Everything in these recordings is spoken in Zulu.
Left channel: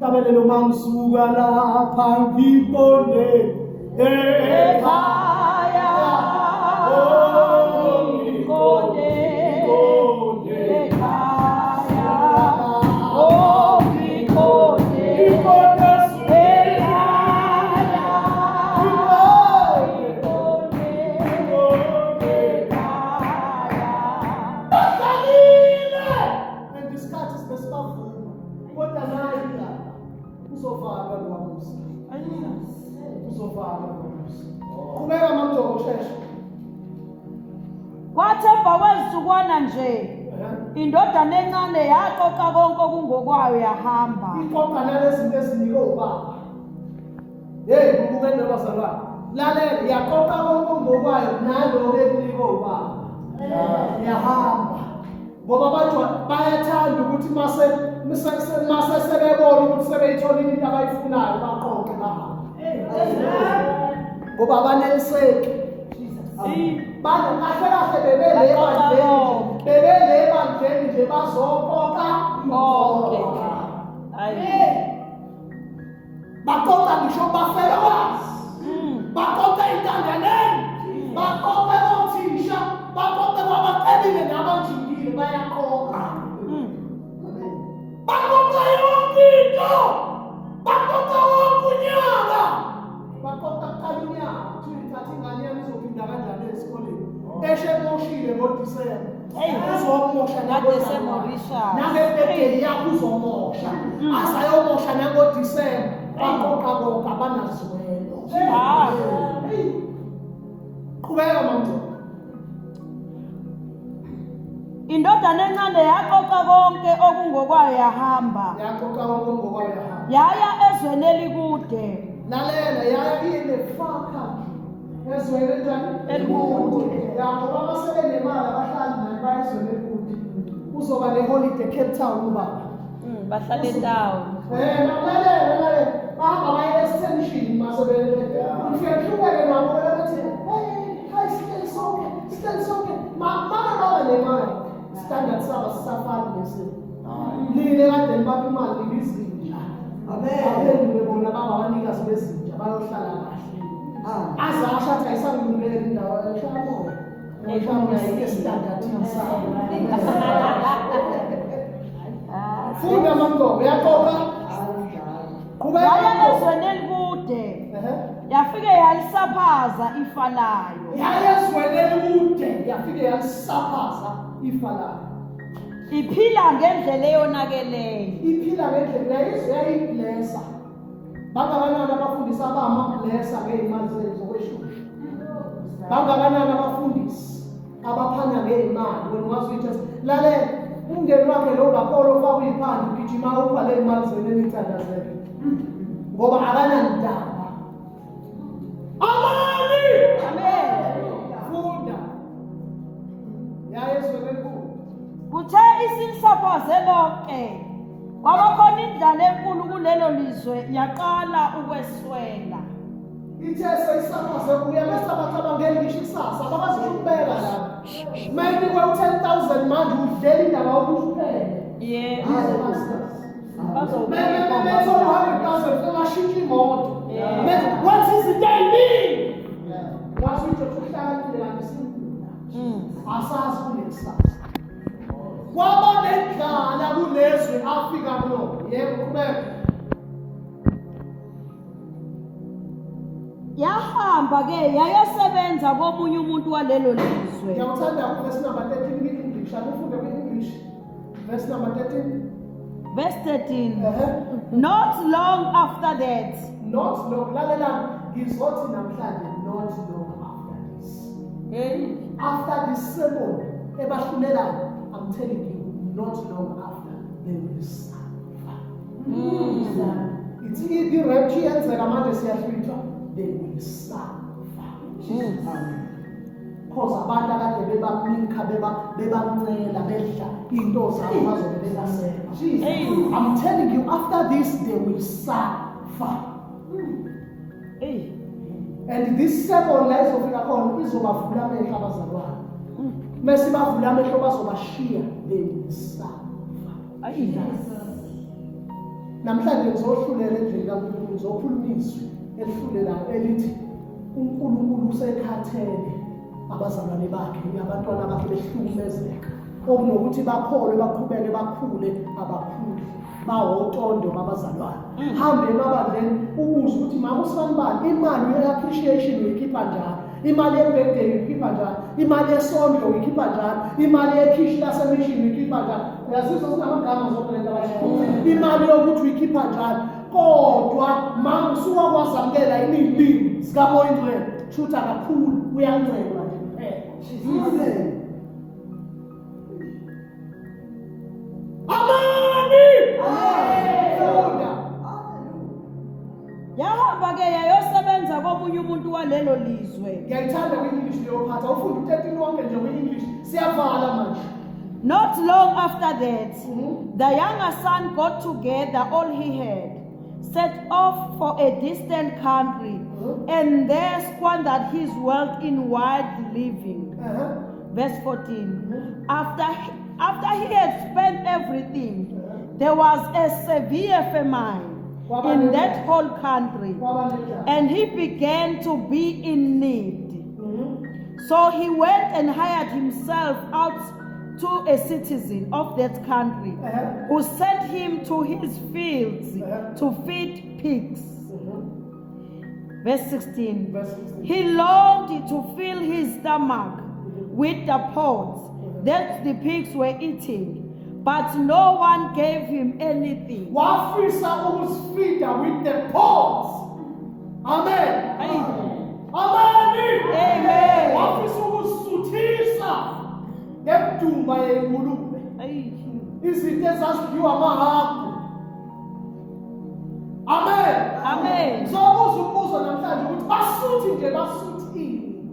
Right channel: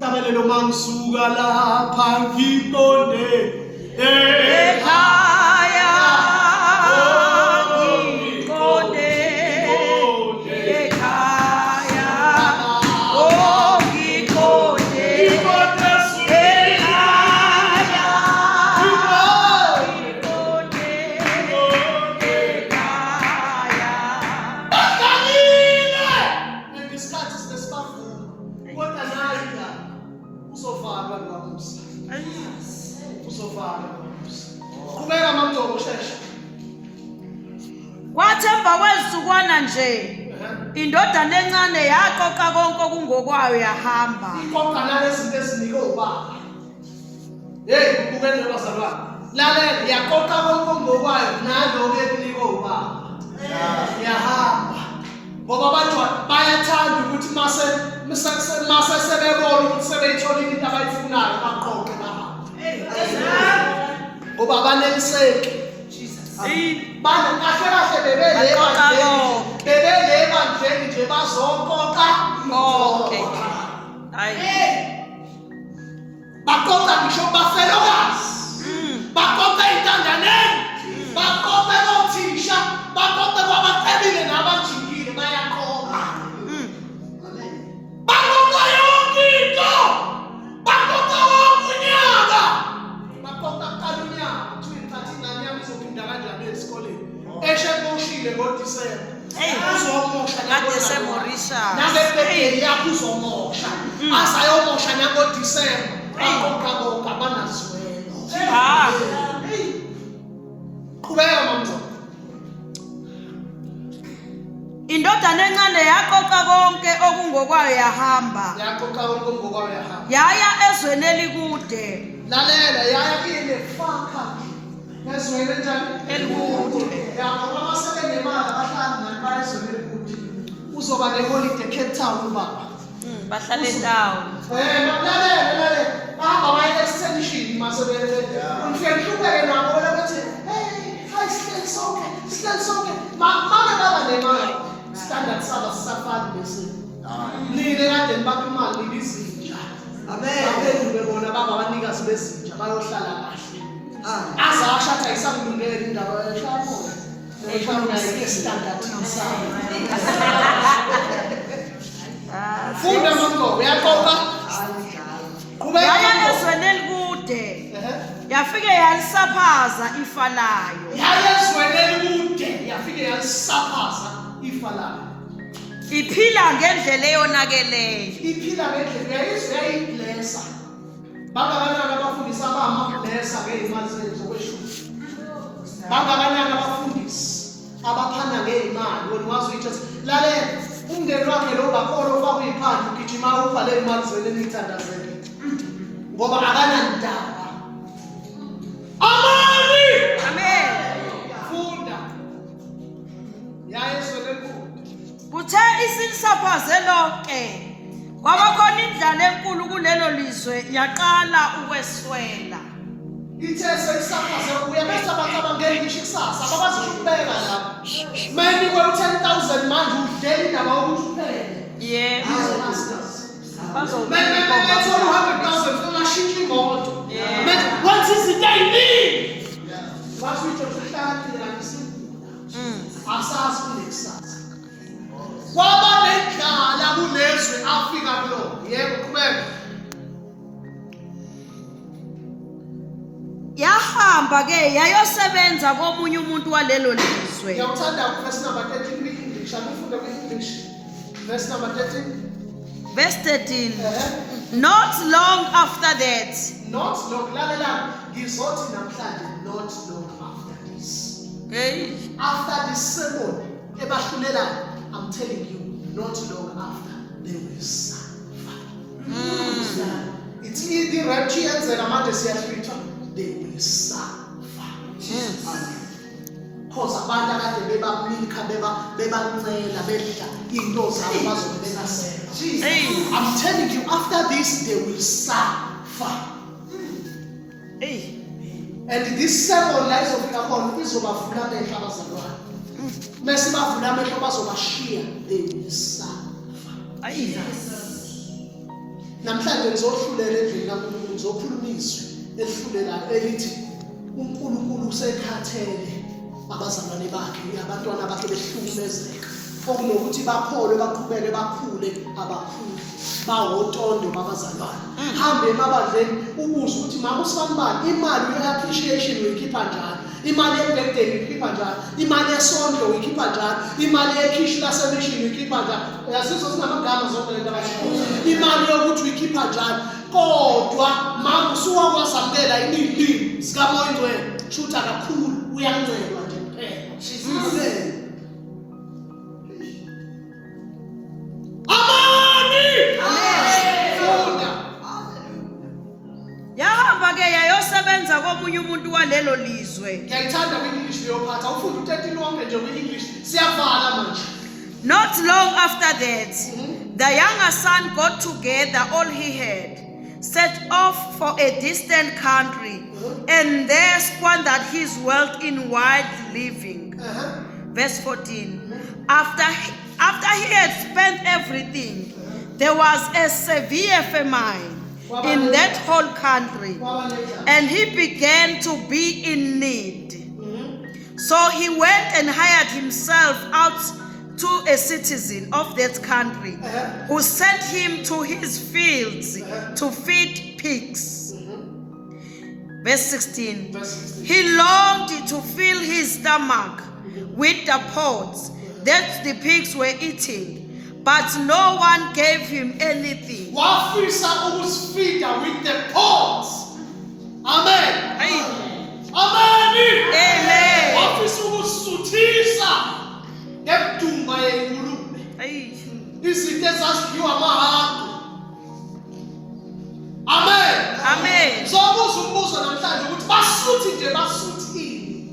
Tabelelo mangisuka lapha ngiqonde ekhaya ngiqonde ekhaya ngiqonde Kwathemba kwezukwana nje indodana encane yaqoqa konke okungokwayo yahamba. Iqoqa nalezinto ezinike ubaba. Hey ukubene bazalwane. Lalela yaqoqa konke okungokwayo naloko ekunike ubaba. Yahamba. Ngoba abantu bayathanda ukuthi mase sebebona ukuthi sebeyitholile into abayifunayo baqoqe bahamba. Ngoba abaneliseki. Bana kahle bebeleba nje bazoqoqa konke. Hayi. Baqoqa ngisho bafelokazi. Baqoqa intandaneni. Baqoqa othisha, baqoqa kwabacebile nabanjingile bayaqoqa. Amen. Baqoqa yonke into. Baqoqa wonke unyaka. Baqoqa kalunyaka. Eshemoshile ngoDisemba. Uzomosha naDisemba. Nangebhedeni yakho uzomosha. Asayomosha nangoDisemba. Baqoqa konke abanazwelo. Qhubeka mambo. Indodana encane yaqoqa konke okungokwayo yahamba. Yaqoqa konke okungokwayo yahamba. Yaya ezweni elikude. Lalela yaya inefaka. Ezweni njani? Elikude. Ngoba basebenemali abahlali naye ezweni elikude. Uzoba neholiday Cape Town ubaba. Bahlala endawo. Lalela. Bahamba baye extension masebenze. Ufike uhlupeke nabo bethi, "Hey, stand sonke. Mama baba nemali. Standard saba safari bese. Nile kade nibapha imali lizinja. Amen. Baphendule bona baba abanikazi bezinja bayohlala kahle. Azasha athi ayisangilungela indawo eshamoya. Eshamoya yestandard inside. Funda mambo uyaqoqa. Yaya ezweni elikude. Yafike yalisaphaza ifa layo. Yaya ezweni elikude yafike yalisaphaza ifa layo. Iphila ngendlela eyonakeleyo. Iphila ngendlela yayiblessa. Bangakanani abafundisi abama-blessa ngey'mali zokweshumi? Bangakanani abafundisi abaphanda ngey'mali? Wena ungazi ukuthi lalela umndeni wakhe lo ngakhona ofaka iy'phandle ugijima upha le mali zweni eniyithandazele. Ngoba akanandaba. Amani! Amen. Funda. Yaya ezweni elikude. Kuthe isilisaphaze lonke. Kwabakhona indlala enkulu kulelo lizwe yaqala ukweswela. Ithe seyisaphaze kuya bese abantu abangeni ngisho ikusasa abakwazi ukubeka lapho. Manje kwe-10,000 manje udlela indaba yokuthi uphele. Yebo. Manje 100,000 funa shintsha imoto. Manje what is it they need? Wathi uthi uhlakile kanti simkhulu. Asazi kunekusasa. Kwaba nendlala kulezwe Afrika kulona. Yebo qhubeka. Yahamba ke yayosebenza komunye umuntu walelo lizwe. Ngiyawuthanda verse number 13 kwi-English. Abifunde kwi-English. Verse number 13. Verse 13. Not long after that. Not long. Lalela ngizothi namhlanje not long after this. Hey. After this sermon ebahlulelayo, I'm telling you, not long after they will suffer. It's the rapture yenzeka manje siyahlwitha, they will suffer. Because abantu akade bebamilika bebancela bedla into zabo bazobe bengasela. I'm telling you, after this they will suffer. Hey. And this sermon la izofika khona izobavula amehlo abazalwane. Mase bavula amehlo bazobashiya, they will suffer. namhlanje ngizohlulela endlini kaNkulunkulu ngizokhuluma izwi elihlulelayo elithi uNkulunkulu usekhathele abazalwane bakhe abantwana bakhe behlukumezeka okunokuthi bakholwe baqhubeke bakhule abakhulu bawotondo babazalwane hambe emabandleni ubuze ukuthi mama usibanibani imali ye-appreciation uyikhipha njani imali ye-birthday uyikhipha njani imali yesondlo uyikhipha njani imali yekhishi lasemishini uyikhipha njani uyazizwa sinamagama zonke lento abashiya imali yokuthi uyikhipha njani kodwa mama usuwakwazamukela inilimi sikamoya ingcwele shutha kakhulu uyancelwa nje kuphela amen. Yahamba ke yayosebenza komunye umuntu walelo lizwe. Ngiyayithanda kwi-English leyophatha ufunda u-13 lonke nje kwi-English siyavala manje. Not long after that, the younger son got together all he had, set off for a distant country, and there squandered his wealth in wild living. Verse 14. After he had spent everything, there was a severe famine in that whole country, and he began to be in need. So he went and hired himself out to a citizen of that country, who sent him to his fields to feed pigs. Verse 16. He longed to fill his stomach with the pods that the pigs were eating, but no one gave him anything. Wafisa ukuzifida with the pods. Amen. Amen. Amen. Wafisa ukuzisuthisa ngemdumba yengulube. Izinto ezazidliwa amahagu. Amen. Amen. Sobuza umbuzo namhlanje ukuthi basuthi nje basuthini?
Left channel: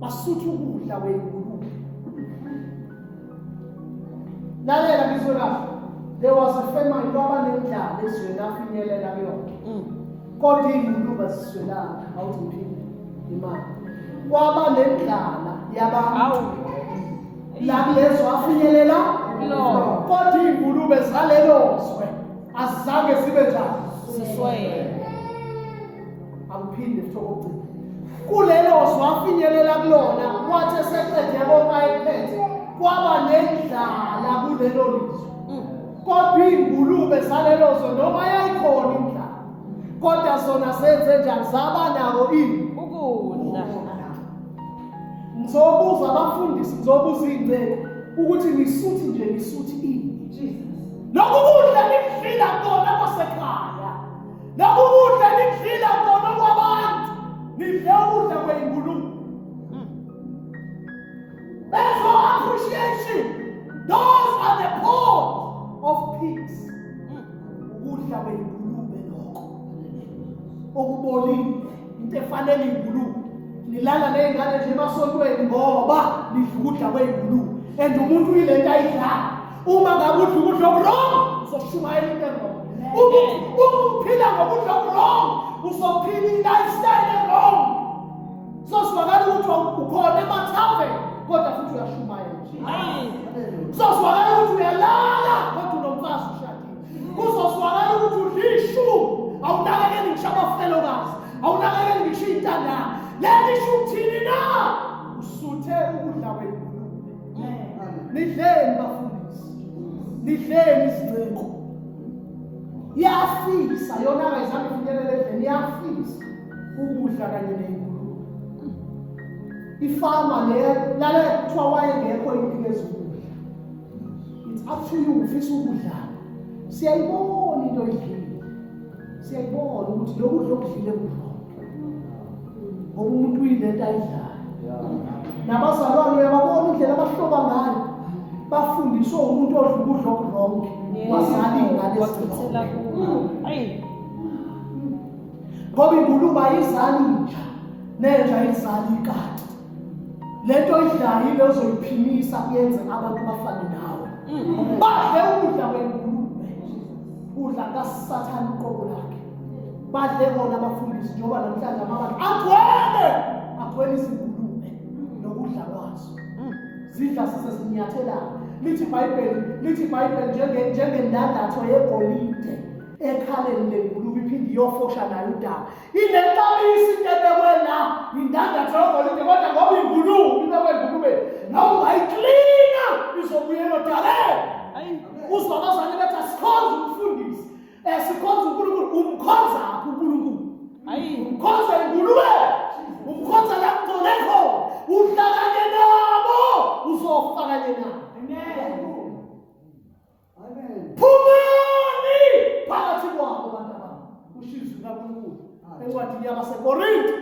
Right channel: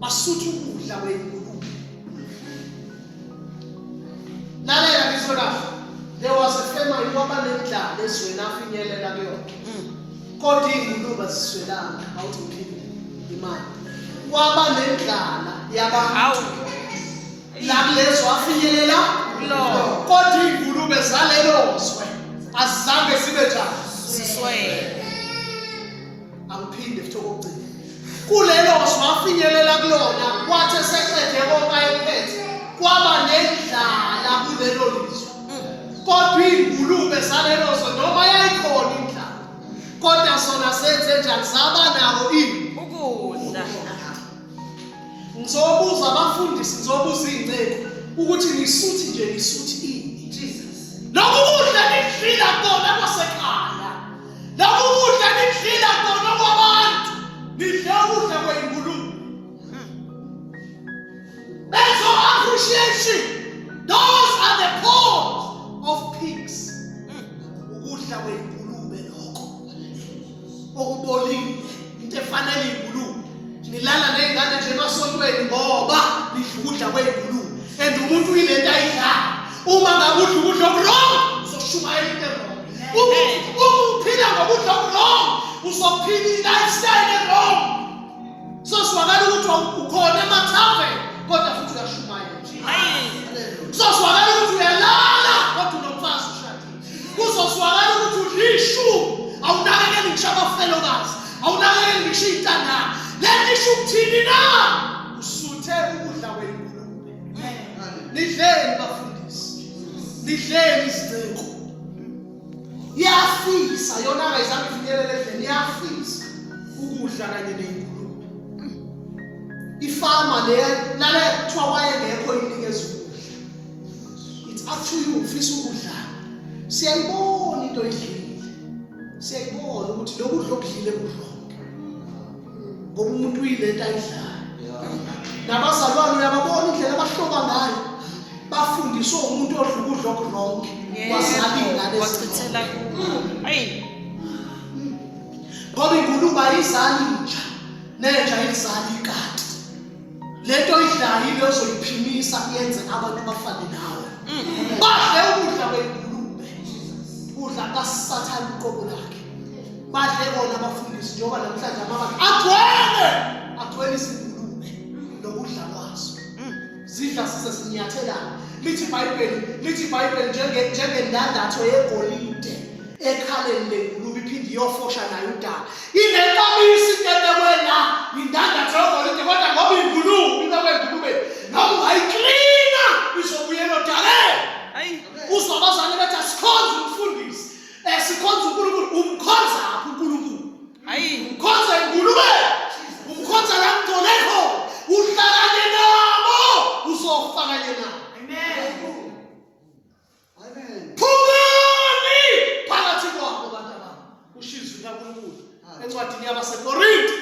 Basuthi ukudla kwengulube. Lalela ngizolapha. There was a famine kwaba nendlala ezweni afinyelela kuyona. Kodwa ingulube ziswelanga awuthi uphinde imali. Kwaba nendlala yabantu. La kulezo afinyelela kodwa ingulube zalelozwe azange sibe njani Siswele. Angiphinde futhi okugcina. Kulelozwe afinyelela kulona kwathi eseqede konke ayephethe kwaba nendlala kulelo lizwe. Kodwa ingulube zalelozwe noma yayikhona indlala kodwa zona zenze njani zaba nako ukudla. Ngizobuza abafundisi ngizobuza izingcebo ukuthi ngisuthi nje ngisuthi ini Jesus. Lokhu kudla nidlila kona kwasekhaya. Lokhu kudla nidlila kona kwabantu. Nidla ukudla kwengulube. That's our appreciation. Those are the pods of pigs. Ukudla kwengulube lokho. Okubolile into efanele ingulube. Nilala nezingane nje emasontweni ngoba nidla ukudla kwengulube. And umuntu uyilento ayidla. Uma ngabe udla ukudla okurong uzoshumayela into wrong. Uma uphila ngokudla okurong uzophila i-lifestyle wrong. Sosibakala ukuthi ukhona emathaveni kodwa futhi uyashumayela. Sosibakala ukuthi uyalala kodwa unomfazi ushadile. Kuzosibakala ukuthi udla ishumi awunakekeli ngisho abafelokazi awunakekeli ngisho iy'ntandane. Leli shukuthini na usuthe ukudla kwengulube. Nidleni bafundisi. Nidleni izingceko. Iyafisa yona ayizange ifinyelele endlini iyafisa ukudla kanye nengulube. Ifama lale kuthiwa wayengekho inikeza ukudla. It's up to you ufisa ukudla. Siyayibona into edlile. Siyayibona ukuthi lokudla okudlile kudla. Ngoba umuntu uyilento ayidlayo. Nabazalwane uyababona indlela abahloba ngayo. Bafundiswa umuntu odla ukudla okuronke. Wasalingana wachithela kuwo. Ngoba ingulube ayizali nja. Nenja ayizali ikati. Lento idlayo ile ozoyiphimisa yenze abantu bafane nawe. Badle ukudla kwengulube. Udla kaSathane uqobo lakhe. Badle bona abafundisi njengoba namhlanje amabandla agcwele izingulube nokudla kwazo. Zidla sise sinyathelana. Lithi iBhayibheli njengendandatho yegolide ekhaleni lengulube iphinde iyofosha nayo udaka. Inenkamisi intethe la indandatho yogolide kodwa ngoba ingulube ibekwe engulubeni noma ungayiklina izobuyela odakeni. Uzwabazane bethi asikhonze umfundisi. Sikhonza uNkulunkulu. Umkhonza aphi uNkulunkulu? Umkhonza ingulube. Umkhonza la kugcwele khona. Uhlangane nabo uzofakanye nabo. Amen. Phumani phakathi kwabo abantu abami. Ushizwe kaNkulunkulu encwadini yabaseKorinte.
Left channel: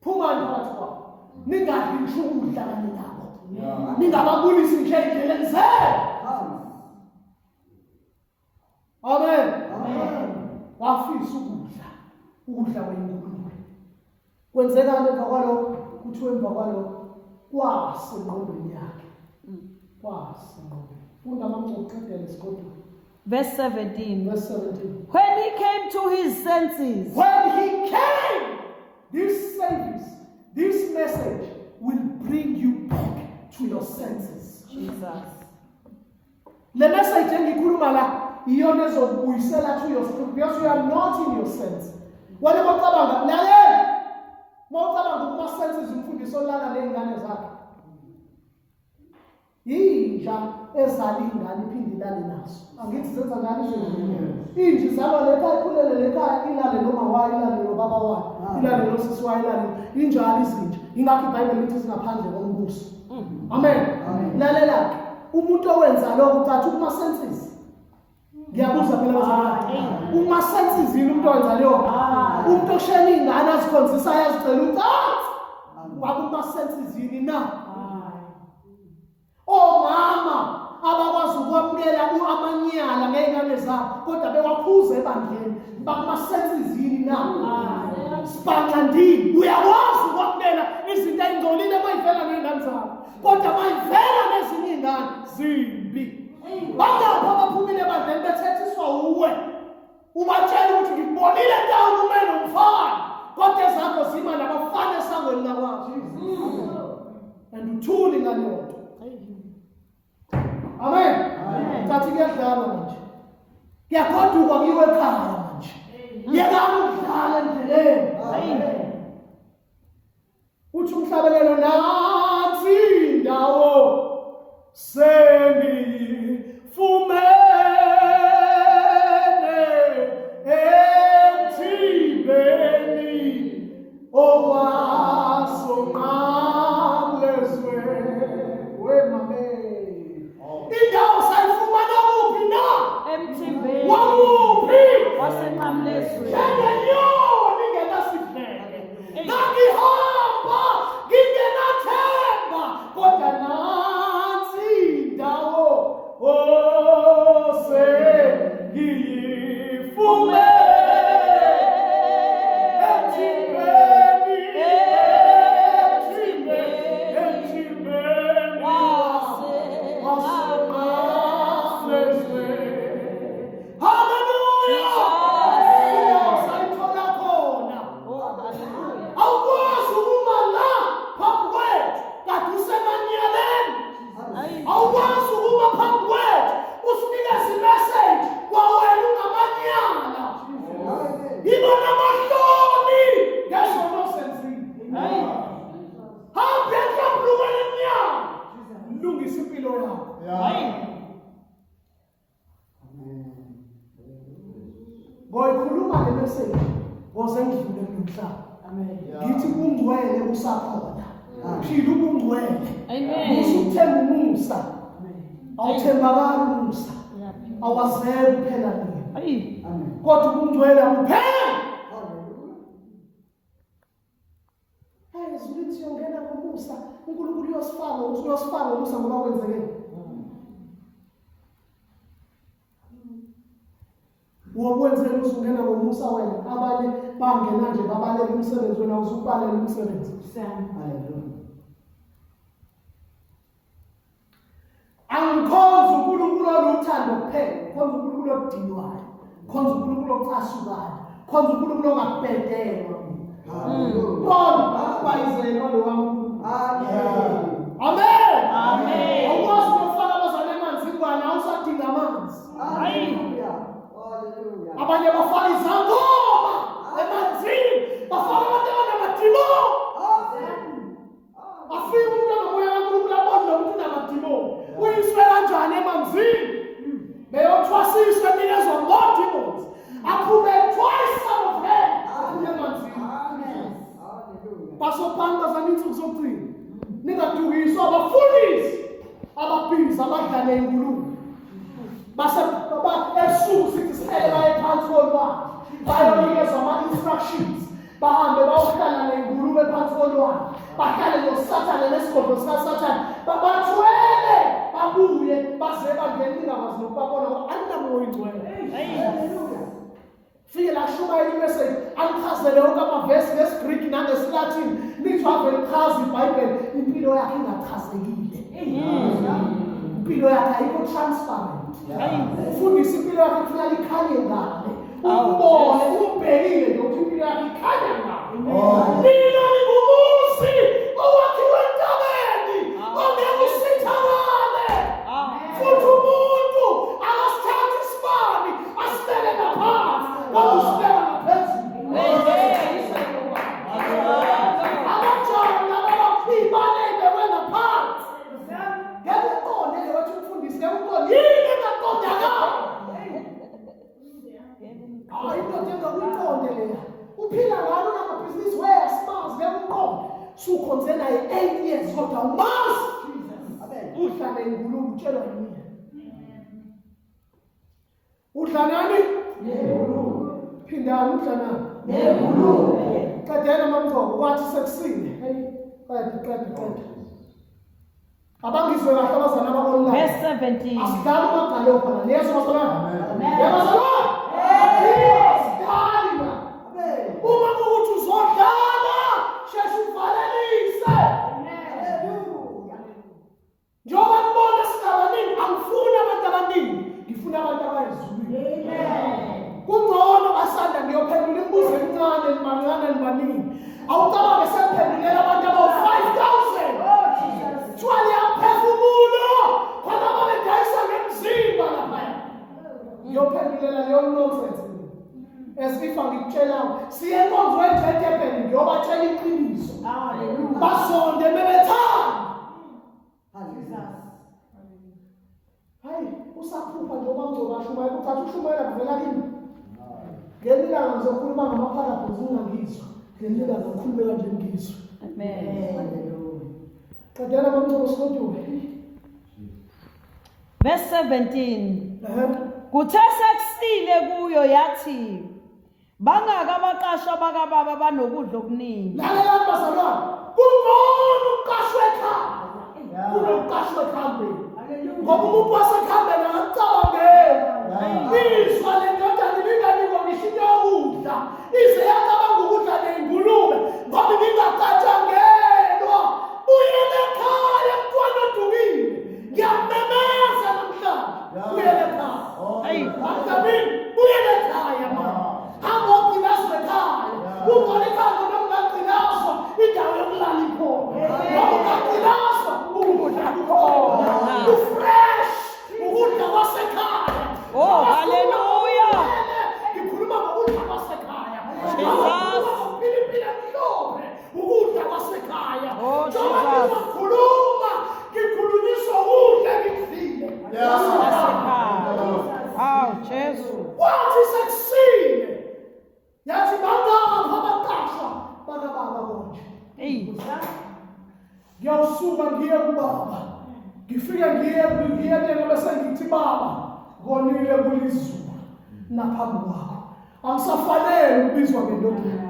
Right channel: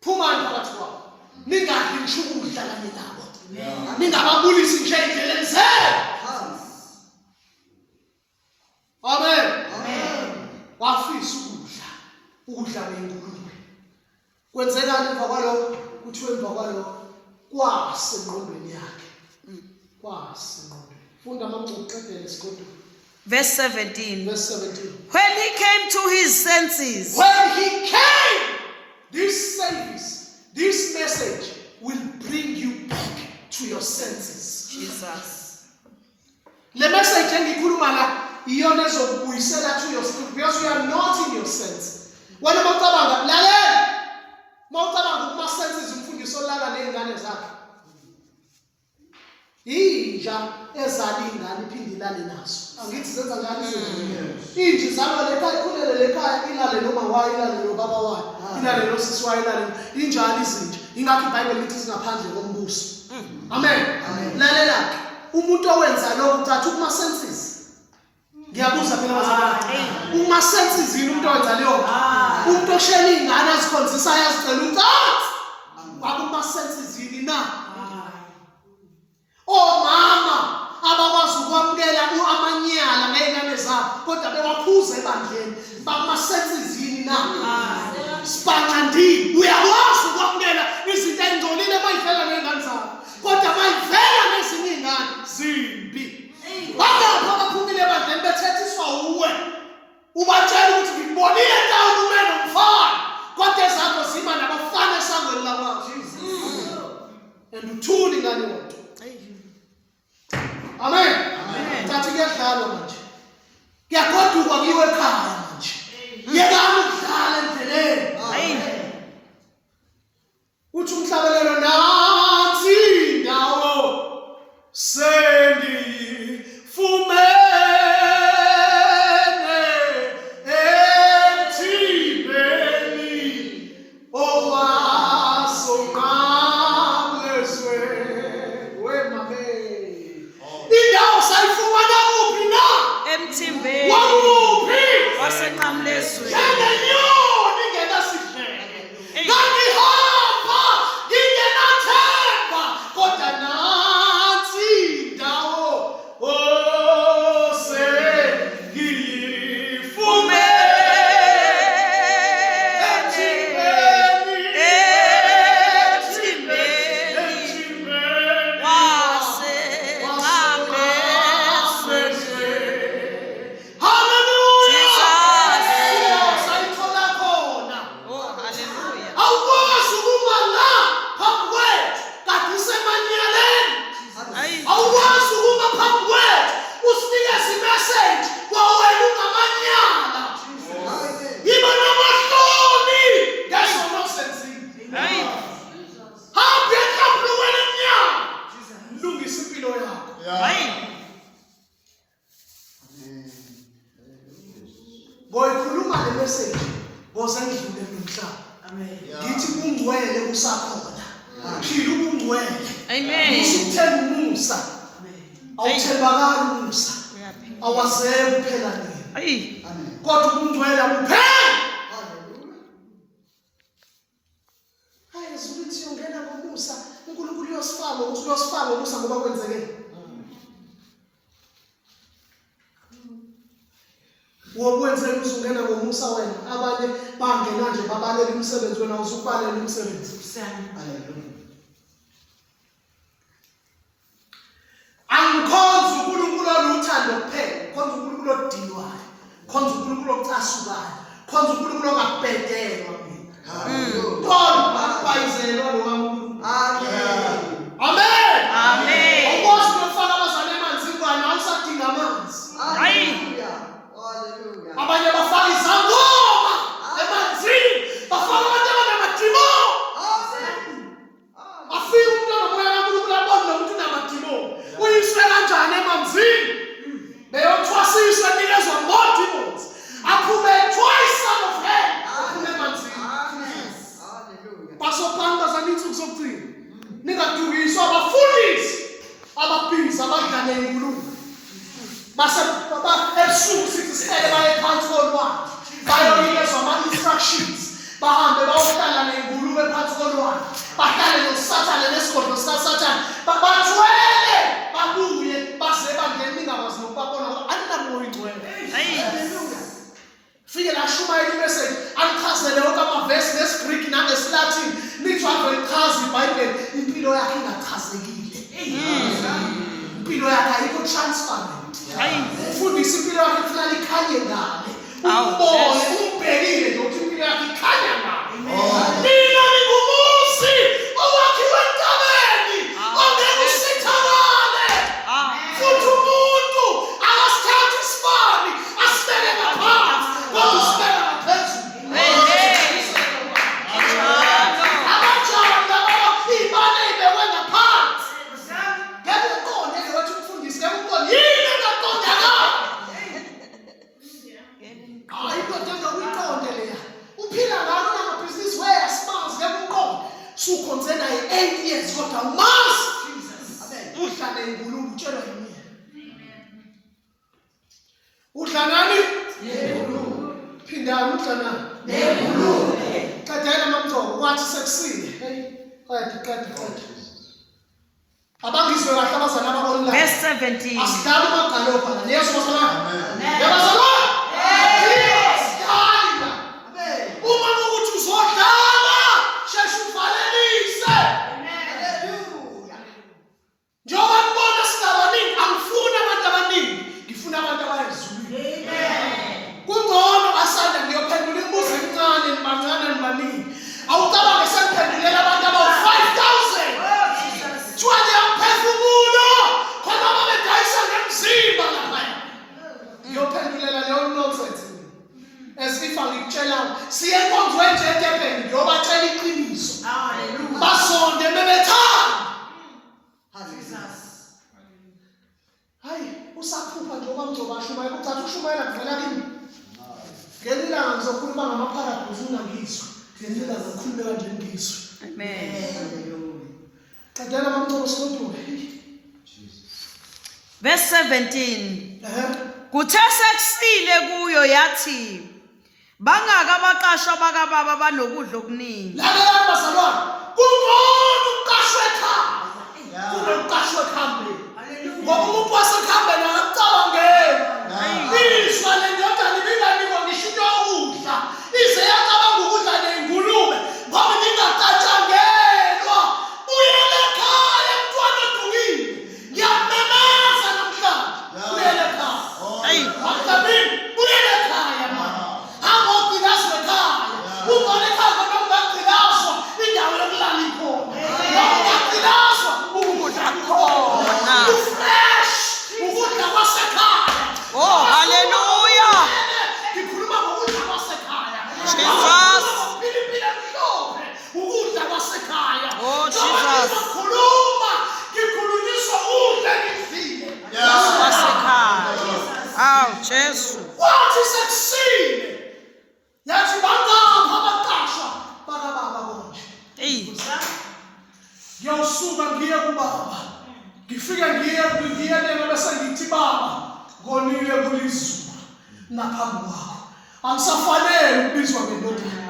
Phumani phakathi kwabo. Ningadli ngisho ukudla kanye nabo. Ningababulisi nje endleleni zenu. Amen. Wafisa ukudla kwengulube. Kwenzekani emva kwalokho? Kuthiwe emva kwalokho kwasengqondweni yakhe. Kwasengqondweni. Funda amangcobo qedele isiqodo. Verse 17. Verse 17. When he came to his senses. When he came, this service, this message will bring you back to your senses. Jesus. Le message engikhuluma la iyona ezokubuyisela to your spirit because you are not in your sense. Wena mawucabanga lalela. Mawucabanga kuma senses umfundiso lala nezingane zakhe. Inja ezali ingane iphinde ilale nazo. Angithi zenza njani izinto? Inja izalwa lekhaya ikhulele lekhaya ilale noma wayi ilale nobaba wayo. Ilale nosisi wayo ilale injalo izinja. Ingakho iBhayibheli lithi singaphandle kombuso. Amen. Lalela umuntu owenza lokho uthatha kuma senses. Ngiyabuza phela bazalwane. Uma senses yini umuntu owenza leyo? Umuntu oshela ingane azikhonzisa yazicela ucathi. Wakuma senses yini na? Omama abakwazi ukwamukela amanyala ngezingane zabo kodwa bewaphuza ebandleni. Bakuma senses yini na? Sibaqandile. Uyakwazi ukwamukela izinto ezingcolile mayivela ngezingane zabo kodwa mayivela nezinye izingane zimbi. Bakapha abaphumile ebandleni bethethiswa uwe. Ubatshela ukuthi ngibonile ndawo umene umfana kodwa ezakho zima nabafana esangweni labazo. And uthuli ngane yonke. Amen. Thathi kuyadlala manje. Kuyagoduka kuyiwe ekhaya manje. Yekani ukudlala endleleni. Uthi umhlabelelo nathi indawo sendifumene emthibeni owasonqablezwe wemame. Indawo sayifumana kuphi na? Emthimbeni Wakuphi? wasenqamlezweni. Njengenyoni ingenasidleke. Ngangihamba ngingenathemba kodwa nansi indawo sengiyifumene. Ngoyikhuluma le message ngosendlule nomhlaba. Amen. Ngithi kungcwele usakhona. Phila ubungcwele. Amen. Usithemba umusa. Amen. Awuthembakala umusa. Awazeke kuphela nini. Amen. Kodwa ubungcwele kuphela. Haleluya. Hayi uzuthi yongena ngomusa. uNkulunkulu uyosifaka umusa ngoba kwenzeke. Wokwenze uzungena ngomusa wena abanye bangena nje babalela umsebenzi wena usubalela umsebenzi. Haleluya. Angikhonza uNkulunkulu oluthando kuphela, khonza uNkulunkulu odilwayo, khonza uNkulunkulu ocasukayo, khonza uNkulunkulu ongabhedelwa mina. Haleluya. Kodwa bayizelwa lo kaNkulunkulu. Amen. Amen. Amen. Ukwazi ukufaka abazali emanzini bani awusadinga amanzi. Haleluya. Haleluya. nengulube. Base ebusuku sithi sicele baye phansi kolwandle. Bayonikezwa ama-instructions. Bahambe bayohlala nengulube phansi kolwandle. Bahlale noSathane nesigodlo sikaSathane. Bathwele babuye baze bangene ingakwazi nokubabona ngoba aninamoya ingcwele. Haleluya. Fike la shumayela imessage anichazele wonke amavesi nesiGreek nangesiLatin nithi ave lichaza iBhayibheli impilo yakhe ingachazekile. Impilo yakhe ayikho transparent. Ufundisa impilo yakhe kufanele ikhanye ngale. Ubone umbhekile nje ukuthi impilo yakhe ikhanya ngale. Mina ngingumuzi owakhiwe entabeni ongeke usithakale. Futhi umuntu akasithatha isibani asibeke ngaphansi. Usibeka ngaphezulu. Abajali laba ibane ibekwe ngaphansi. Ngeke uqonde ke wathi umfundisi ngeke uqonde yini engaqondakala. Hayi kodwa ngokuyiqonde leya. Uphila ngalo namabhizinisi wayasimazi ngeke uqonde. Sukhonze naye 8 years kodwa umazi. Udla nengulube utshelwa yini? Udla nani? Nengulube. Phindana udla nani? Nengulube. Qedela mamthoko wathi sekusile. Hey, qeda. Abangizwe kahle abazana abako-online. Verse 17. Asidlala amagalo phana. Niyezwa bazalwane? Yabazalwane? Sidlala. Uma ukuthi uzodlala, sheshe uvalelise. Haleluya. Njengoba ngibona sinabaningi, angifuni abantu abaningi, ngifuna abantu abayezulwini. Kungcono asanda ngiyophendula imibuzo emincane nibancane nibaningi. Awucabange sekuphendulela abantu abawu-5,000. Kuthiwa liyaphefumulo khona babedayisa ngemzimba laphaya. Ngiyophendulela leyo nonsense. As if angikutshelayo. Siye enkonzweni nje eDurban ngiyobatshela iqiniso. Haleluya. Basonde bebethanda. Hayi, usaphupha nje okwamgcoba shumayela ukuthatha ushumayela kuvela kimi. Ngelilanga ngizokhuluma ngama-parables ungangizwa. Ngelilanga ngikhulume kanje ngizwe. Amen. Qedela mamncane sigoduke. Verse 17. Kuthe sekusile kuyo yathi bangaka abaqashwa bakababa banokudla okuningi. Lalela bazalwane, kungcono ukuqashwa ekhaya. Kunokuqashwa ekhambeni. Ngoba umuntu wasekhambeni angacabangeli. Izwa le ndodana ibinganikwa ngisho into yokudla. Ize yacabanga ukudla nengulube ngoba ibingacatshangelwa. Buyela ekhaya mntwana odukile. Ngiyamemeza namhlanje. Buyela ekhaya. Mhlawumbe buyela ekhaya mama. Hamba ogcinazi ekhaya. Ungone ekhaya noma ungagcinazwa indawo yokulala ikhona. Noma ungagcinazwa ukudla khona. Fresh ukudla kwasekhaya. Oh, hallelujah. Ngikhuluma ngokudla kwasekhaya. Jesus. Ukudla kwasekhaya. Oh, Jesus. Ngikhuluma ngikhulunyiswa ukudla ngifile. Kwasekhaya. Aw, Jesu. Wathi sekusile. Yathi bangapha abaqashwa bakababa konje. Ngiyawusuka ngiye kubaba. Ngifike ngiye nena bese ngithi baba ngonile kulizulu naphambi kwakho. Angisafanele ukubizwa ngendodana.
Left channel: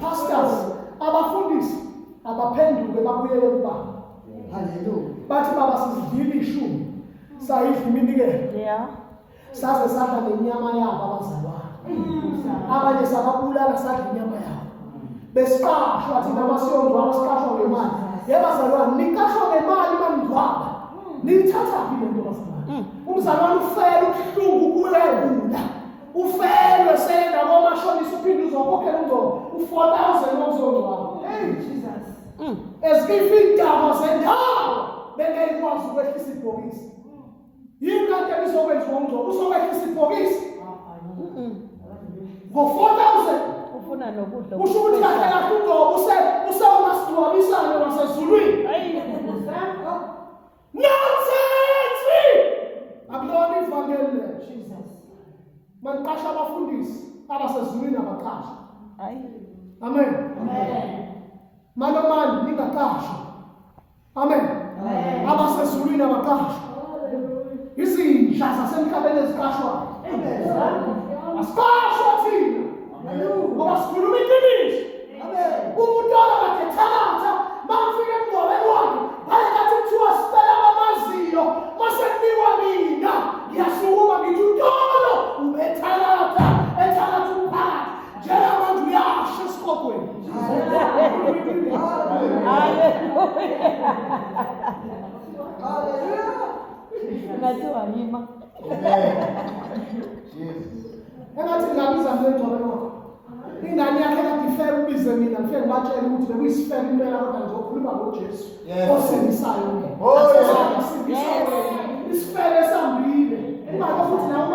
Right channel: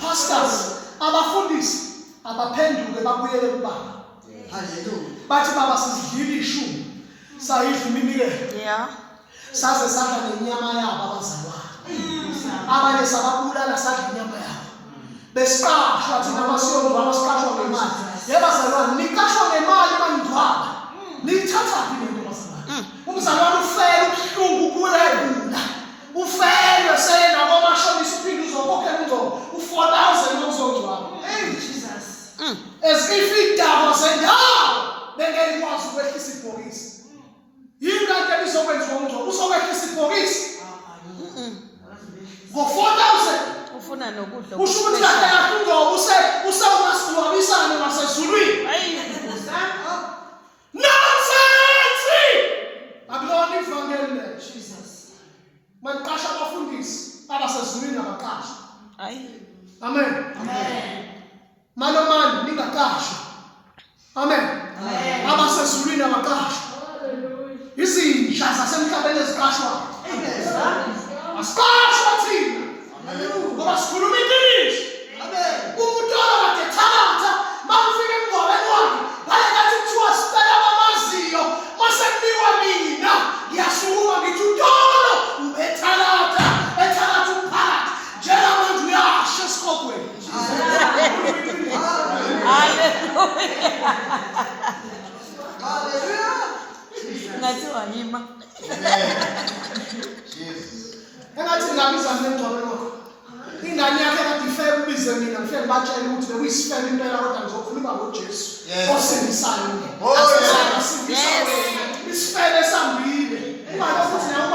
Pastors, abafundisi abaphenduke babuyele kubaba. Haleluya. Bathi baba sizidlile ishumi. Sayidla iminikelo. Yeah. Saze sadla nenyama yabo abazalwane. Abanye sababulala sadla inyama yabo. Besiqashwa thina amasiyonzo abasiqashwa ngemali. Yebazalwane niqashwa ngemali manidwaba. Niyithatha yini into bazalwane? Umzalwane ufela ubuhlungu kuwebula. Ufela sele nabo mashonisa uphinde uzokhokhela umngcwabo. U-4,000 uzongcwaba. Hey Jesus. Ezifidaba zendawo bengekwazi ukwehlisa ibhokisi. Yini kanti ebizokwenziwa umngcwabo? Uzokwehlisa ibhokisi? Ngo-4,000. Ufuna nokudla. Usho ukuthi kahle kahle umngcwabo usawumasingcwabisane wasezulwini. Nonsense! Akulona ivangeli le. Jesus. Maniqasha abafundisi abasezulwini abaqashwa. Amen. Amen. Malomani ningaqashwa. Amen. Abasezulwini abaqashwa. izinja zasemhlabeni eziqashwayo. Asiqashwa thina ngoba sikhuluma iqiniso. Umuntu okade ethabatha makufika emngcwabeni wakhe ngale kathi kuthiwa sicela abamaziyo mase kunikwa mina ngiyasukuma ngithi uTolo ubethalatha ethalatha umphakathi njengamanje uyasho esikogweni. Engathi ngabiza mina emngcwabeni wakho ingane yakhe kade ifeke ubize mina ngifike ngibatshele ukuthi bekuyisifele impela kodwa ngizokhuluma ngoJesu osindisayo. Asizange sindisa wena isifele esambile. Ungabe futhi nawe